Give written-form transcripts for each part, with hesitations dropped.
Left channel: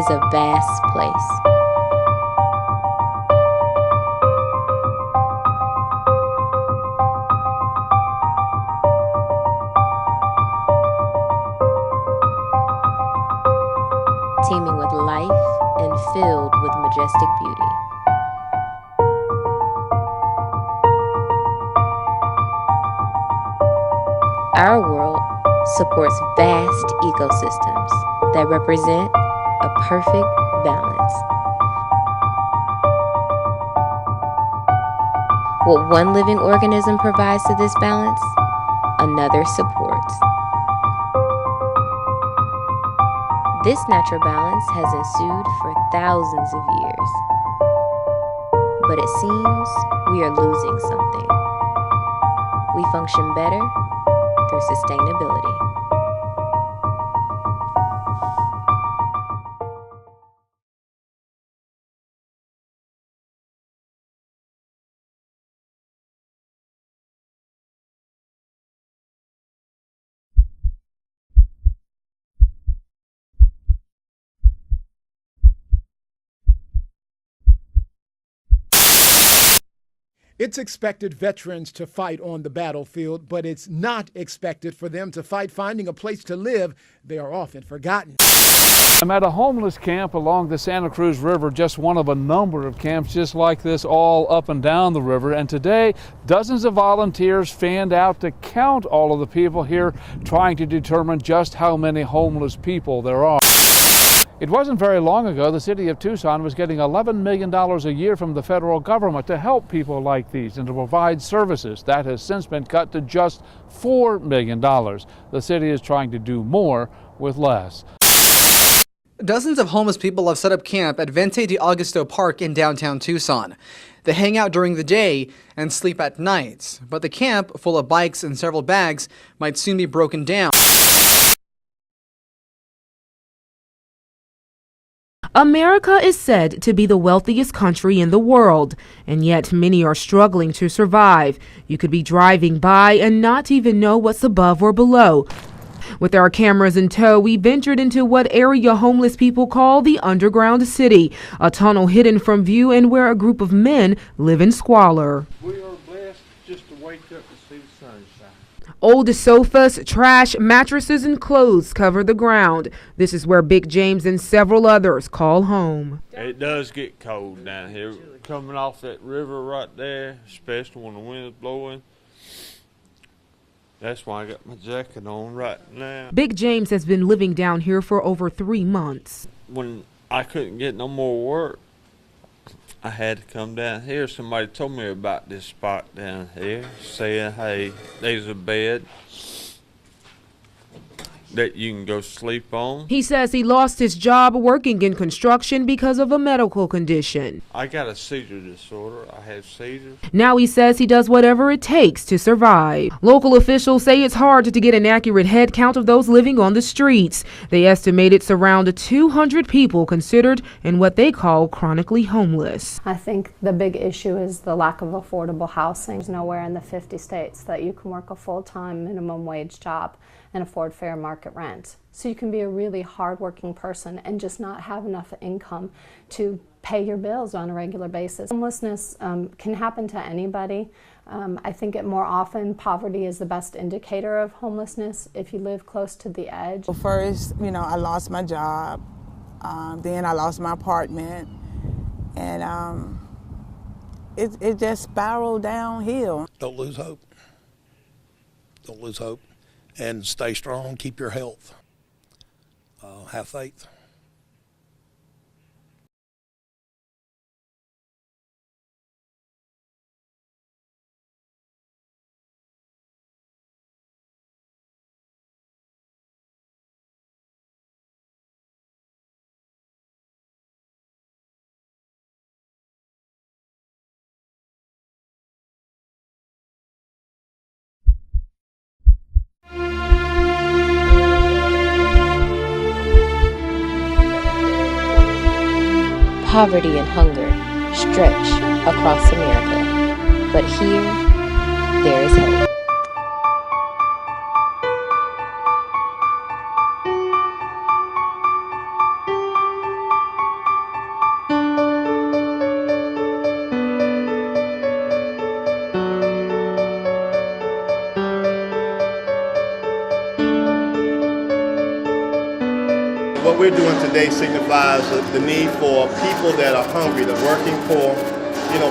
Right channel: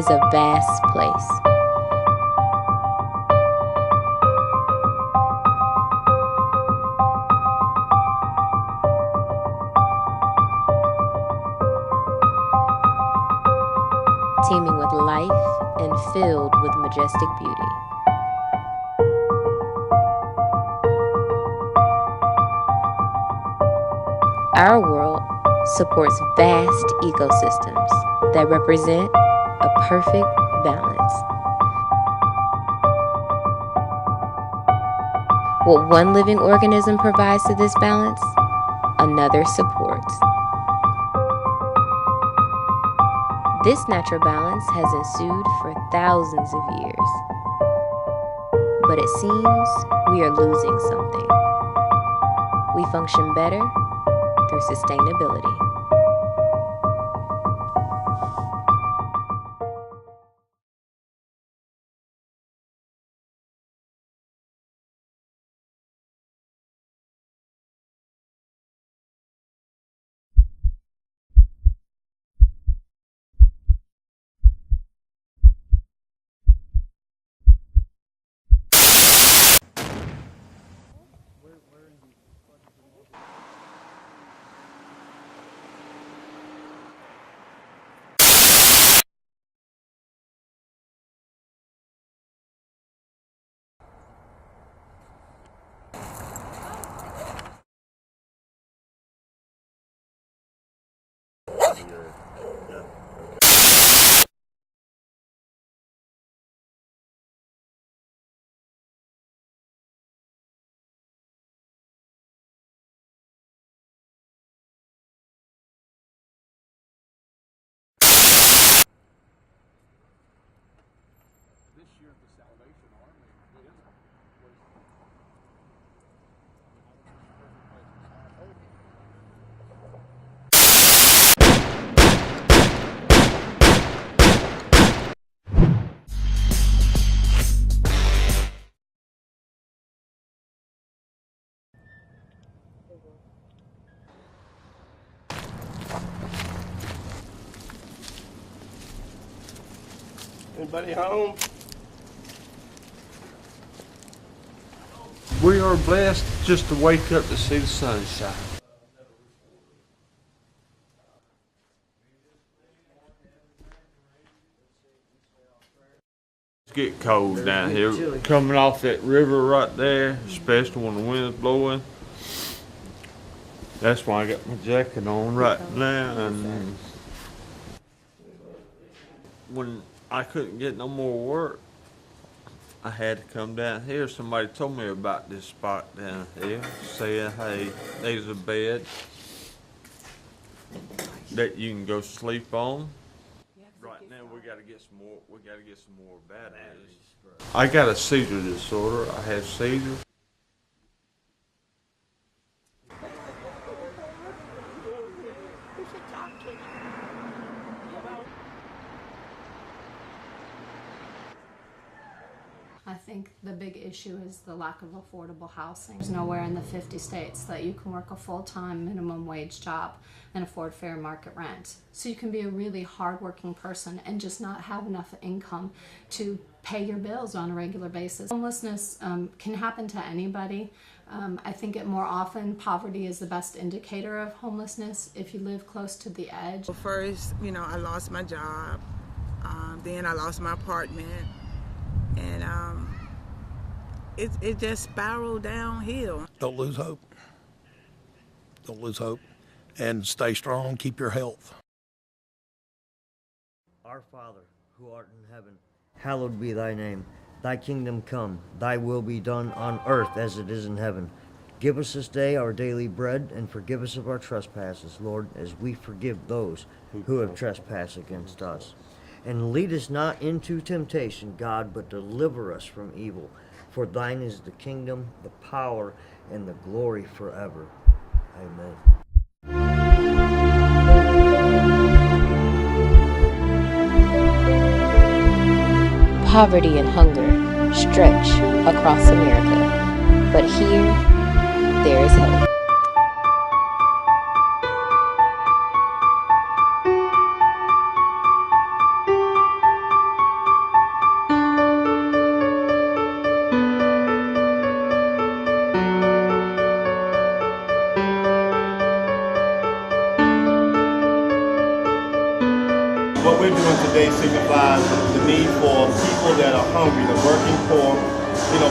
is a vast place. Teeming with life and filled with majestic beauty. Our world supports vast ecosystems that represent a perfect balance. What one living organism provides to this balance, another supports. This natural balance has ensued for thousands of years. But it seems we are losing something. We function better through sustainability. It's expected veterans to fight on the battlefield, but it's not expected for them to fight finding a place to live. They are often forgotten. I'm at a homeless camp along the Santa Cruz River, just one of a number of camps just like this all up and down the river. And today, dozens of volunteers fanned out to count all of the people here, trying to determine just how many homeless people there are. It wasn't very long ago the city of Tucson was getting $11 million a year from the federal government to help people like these and to provide services. That has since been cut to just $4 million. The city is trying to do more with less. Dozens of homeless people have set up camp at Vente de Augusto Park in downtown Tucson. They hang out during the day and sleep at nights, but the camp, full of bikes and several bags, might soon be broken down. America is said to be the wealthiest country in the world, and yet many are struggling to survive. You could be driving by and not even know what's above or below. With our cameras in tow, we ventured into what area homeless people call the underground city, a tunnel hidden from view and where a group of men live in squalor. We are blessed just to wake up to see the sunshine. Old sofas, trash, mattresses, and clothes cover the ground. This is where Big James and several others call home. It does get cold down here. Coming off that river right there, especially when the wind's blowing. That's why I got my jacket on right now. Big James has been living down here for over 3 months. When I couldn't get no more work, I had to come down here. Somebody told me about this spot down here, saying, hey, there's a bed that you can go sleep on. He says he lost his job working in construction because of a medical condition. I got a seizure disorder. I have seizures. Now he says he does whatever it takes to survive. Local officials say it's hard to get an accurate head count of those living on the streets. They estimate it's around 200 people considered in what they call chronically homeless. I think the big issue is the lack of affordable housing. There's nowhere in the 50 states that you can work a full-time minimum wage job and afford fair market rent. So you can be a really hardworking person and just not have enough income to pay your bills on a regular basis. Homelessness can happen to anybody. I think more often poverty is the best indicator of homelessness if you live close to the edge. Well, first, I lost my job. Then I lost my apartment. And it just spiraled downhill. Don't lose hope. Don't lose hope. And stay strong, keep your health. Have faith. Our Father, who art in heaven, hallowed be thy name. Thy kingdom come, thy will be done on earth as it is in heaven. Give us this day our daily bread, and forgive us of our trespasses, Lord, as we forgive those who have trespassed against us. And lead us not into temptation, God, but deliver us from evil. For thine is the kingdom, the power, and the glory forever. Amen. Poverty and hunger stretch across America, but here there is hope. we're doing today signifies the need for people that are hungry, the working poor,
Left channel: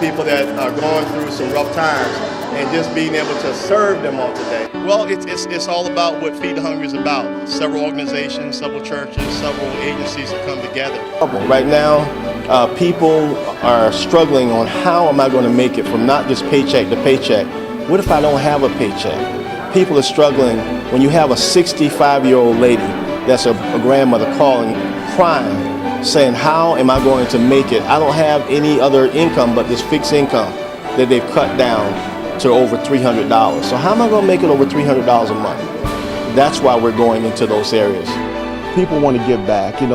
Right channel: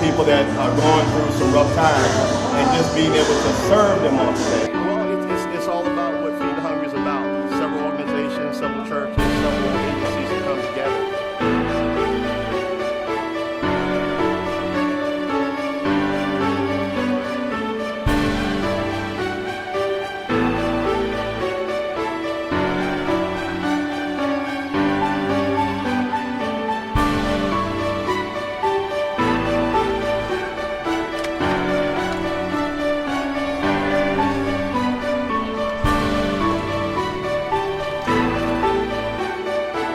people that are going through some rough times, and just being able to serve them on today. Well, it's all about what Feed the Hungry is about. Several organizations, several churches, several agencies have come together. Right now, people are struggling on how am I going to make it from not just paycheck to paycheck. What if I don't have a paycheck? People are struggling when you have a 65-year-old lady that's a grandmother calling, crying, saying, how am I going to make it? I don't have any other income but this fixed income that they've cut down to over $300. So how am I going to make it over $300 a month? That's why we're going into those areas. People want to give back. We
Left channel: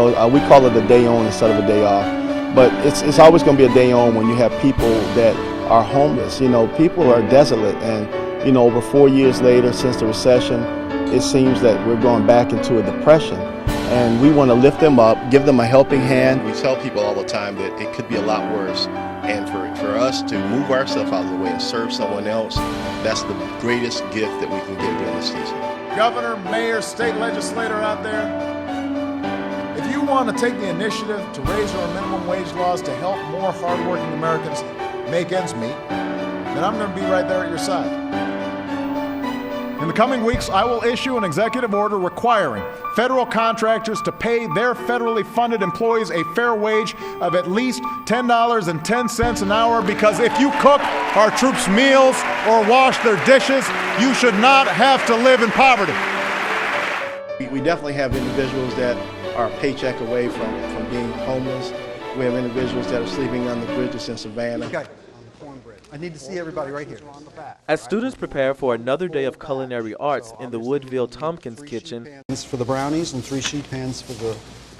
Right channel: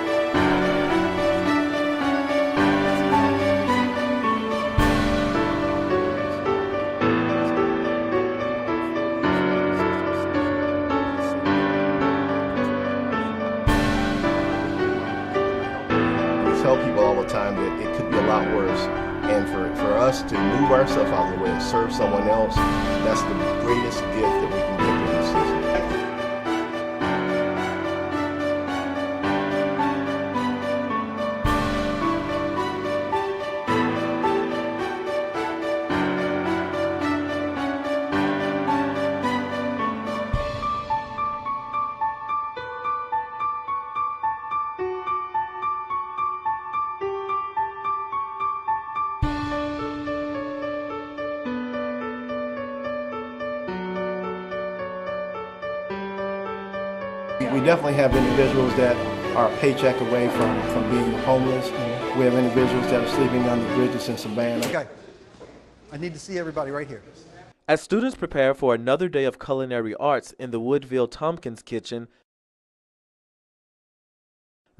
call it a day on instead of a day off. But it's always going to be a day on when you have people that are homeless. People are desolate. And, over 4 years later since the recession, it seems that we're going back into a depression. And we want to lift them up, give them a helping hand. We tell people all the time that it could be a lot worse. And for us to move ourselves out of the way and serve someone else, that's the greatest gift that we can give during the season. Governor, mayor, state legislator out there, if you want to take the initiative to raise our minimum wage laws to help more hardworking Americans make ends meet, then I'm going to be right there at your side. In the coming weeks, I will issue an executive order requiring federal contractors to pay their federally funded employees a fair wage of at least $10.10 an hour, because if you cook our troops' meals or wash their dishes, you should not have to live in poverty. We definitely have individuals that are a paycheck away from being homeless. We have individuals that are sleeping on the bridges in Savannah. Okay, I need to see everybody right here. As students prepare for another day of culinary arts in the Woodville Tompkins kitchen, For the brownies and 3 sheet pans for the...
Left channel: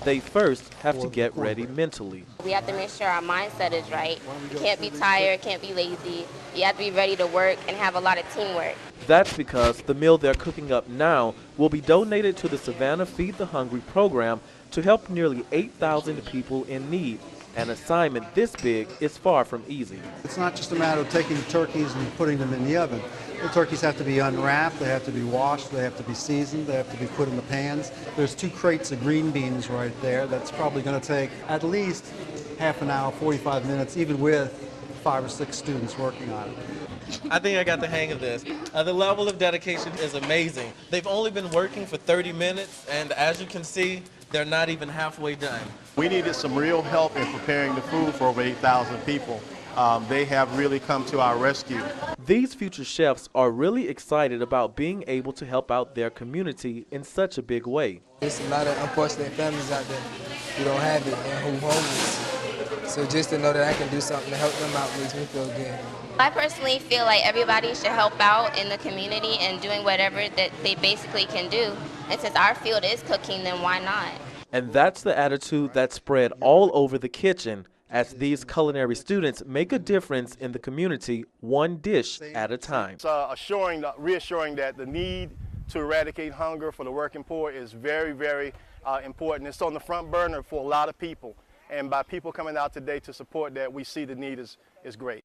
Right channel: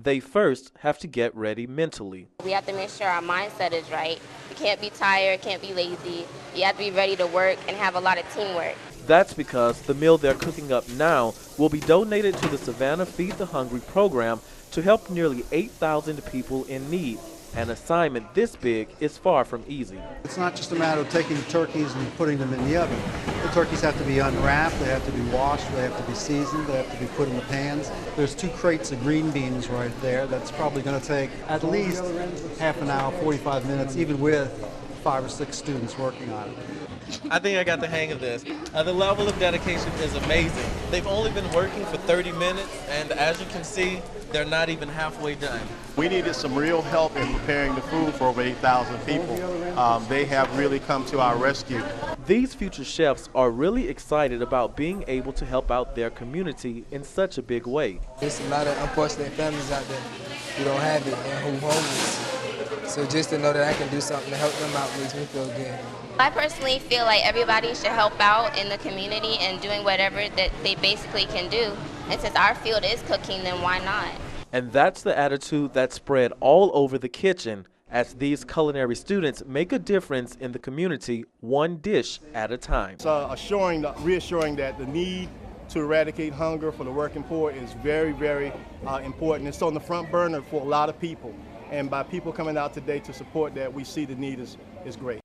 they first have to get ready mentally. We have to make sure our mindset is right. You can't be tired, can't be lazy. You have to be ready to work and have a lot of teamwork. That's because the meal they're cooking up now will be donated to the Savannah Feed the Hungry program to help nearly 8,000 people in need. An assignment this big is far from easy. It's not just a matter of taking turkeys and putting them in the oven. The turkeys have to be unwrapped, they have to be washed, they have to be seasoned, they have to be put in the pans. There's 2 crates of green beans right there. That's probably going to take at least half an hour, 45 minutes, even with 5 or 6 students working on it. I think I got the hang of this. The level of dedication is amazing. They've only been working for 30 minutes, and as you can see, they're not even halfway done. We needed some real help in preparing the food for over 8,000 people. They have really come to our rescue. These future chefs are really excited about being able to help out their community in such a big way. There's a lot of unfortunate families out there who don't have it and who homeless. So just to know that I can do something to help them out makes me feel good. I personally feel like everybody should help out in the community and doing whatever that they basically can do. And since our field is cooking, then why not? And that's the attitude that's spread all over the kitchen as these culinary students make a difference in the community, one dish at a time. It's reassuring that the need to eradicate hunger for the working poor is very, very important. It's on the front burner for a lot of people. And by people coming out today to support that, we see the need is great.